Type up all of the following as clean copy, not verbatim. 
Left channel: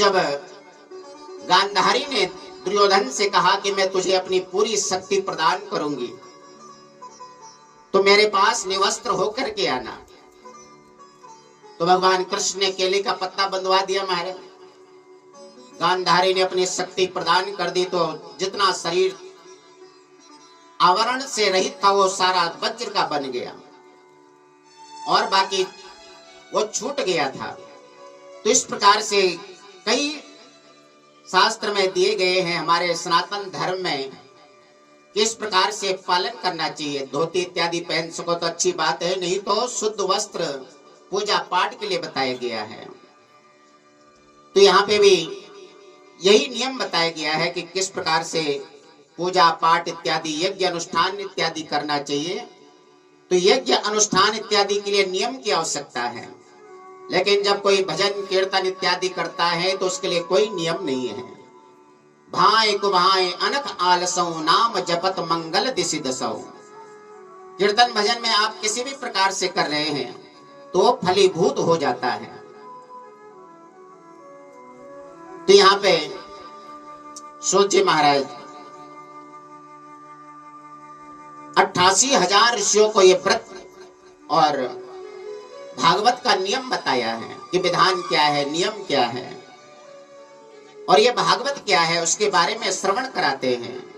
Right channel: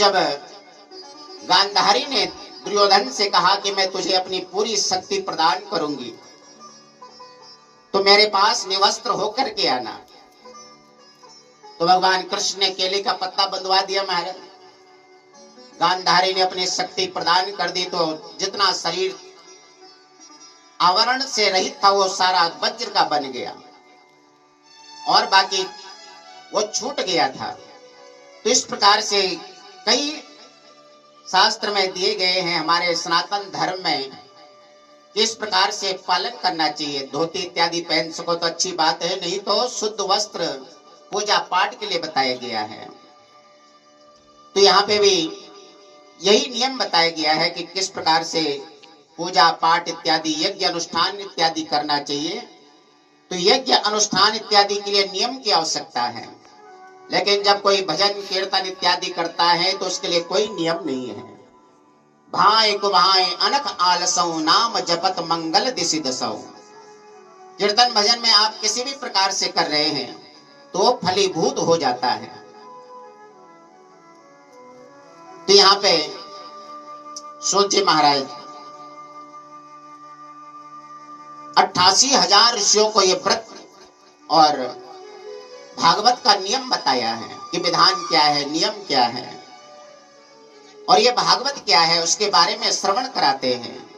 जब गांधारी ने दुर्योधन से कहा कि मैं तुझे अपनी पूरी शक्ति प्रदान करूंगी तो मेरे पास निवस्त्र होकर के आना, तो भगवान कृष्ण ने केले का पत्ता बंधवा दिया महाराज। गांधारी ने अपनी शक्ति प्रदान कर दी तो जितना शरीर आवरण से रहित था वो सारा वज्र का बन गया और बाकी वो छूट गया था। तो इस प्रकार से कई शास्त्र में दिए गए हैं हमारे सनातन धर्म में किस प्रकार से पालन करना चाहिए। धोती इत्यादि पहन सको तो अच्छी बात है, नहीं तो शुद्ध वस्त्र पूजा पाठ के लिए बताया गया है। तो यहाँ पे भी यही नियम बताया गया है कि किस प्रकार से पूजा पाठ इत्यादि यज्ञ अनुष्ठान इत्यादि करना चाहिए। तो यज्ञ अनुष्ठान इत्यादि के लिए नियम की आवश्यकता है, लेकिन जब कोई भजन कीर्तन इत्यादि करता है तो उसके लिए कोई नियम नहीं है। भाए कुभाए अनख आलसौ नाम जपत मंगल दिशि दसौ। कीर्तन भजन में आप किसी भी प्रकार से कर रहे हैं तो फलीभूत हो जाता है। तो यहाँ पे सूत जी महाराज 88,000 ऋषियों को ये व्रत और भागवत का नियम बताया है कि विधान क्या है, नियम क्या है और ये भागवत क्या है उसके बारे में श्रवण कराते हैं।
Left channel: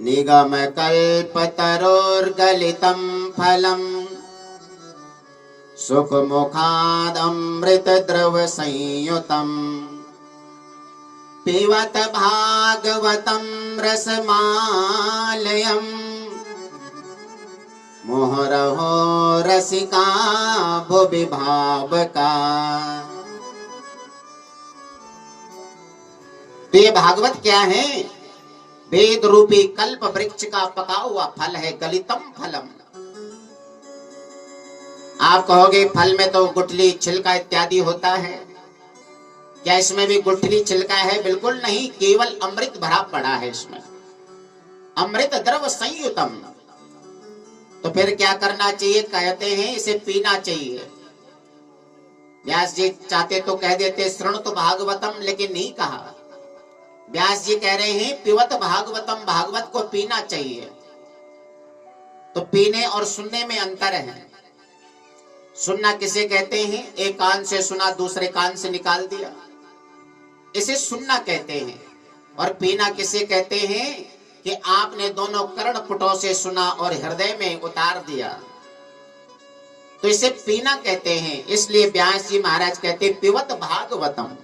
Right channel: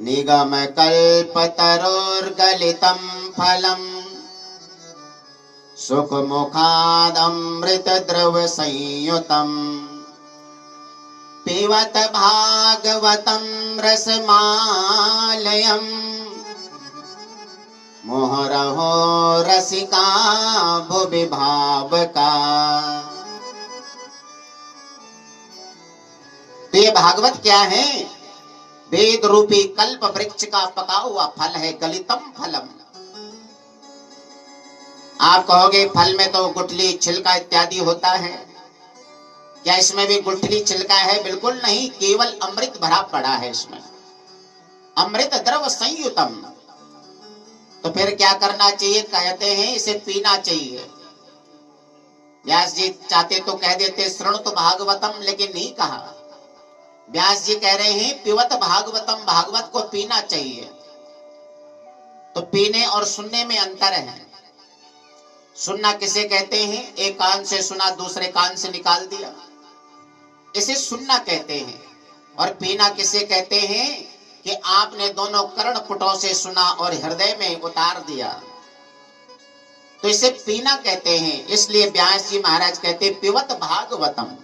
निगम कल्पतरोर्गलितं फलम सुख मुखादमृत द्रव संयुतम पिबत भागवतं रसमालयं मोहरहो रसिका भुवि भावका। तो ये भागवत क्या है? वेद रूपी कल्प वृक्ष का पका हुआ फल है, गलितम फलम। आप कहोगे फल में तो गुठली छिलका इत्यादि होता है, क्या इसमें भी गुठली छिलका है? बिल्कुल नहीं, केवल अमृत भरा पड़ा है इसमें, अमृत द्रव संयुतम। तो फिर क्या करना चाहिए? कहते हैं इसे पीना चाहिए। व्यास जी चाहते तो कह देते शृणु तो भागवतम, लेकिन नहीं कहा। व्यास जी कह रहे हैं पिबत भागवतम, भागवत को पीना चाहिए। तो पीने और सुनने में अंतर है। सुनना किसे कहते हैं? एक कान से सुना दूसरे कान से निकाल दिया, इसे सुनना कहते हैं। और पीना किसे कहते हैं? कि आपने दोनों कर्ण पुटों से सुना और हृदय में उतार दिया, तो इसे पीना कहते हैं। इसलिए व्यास जी महाराज कहते पिबत भागवतम।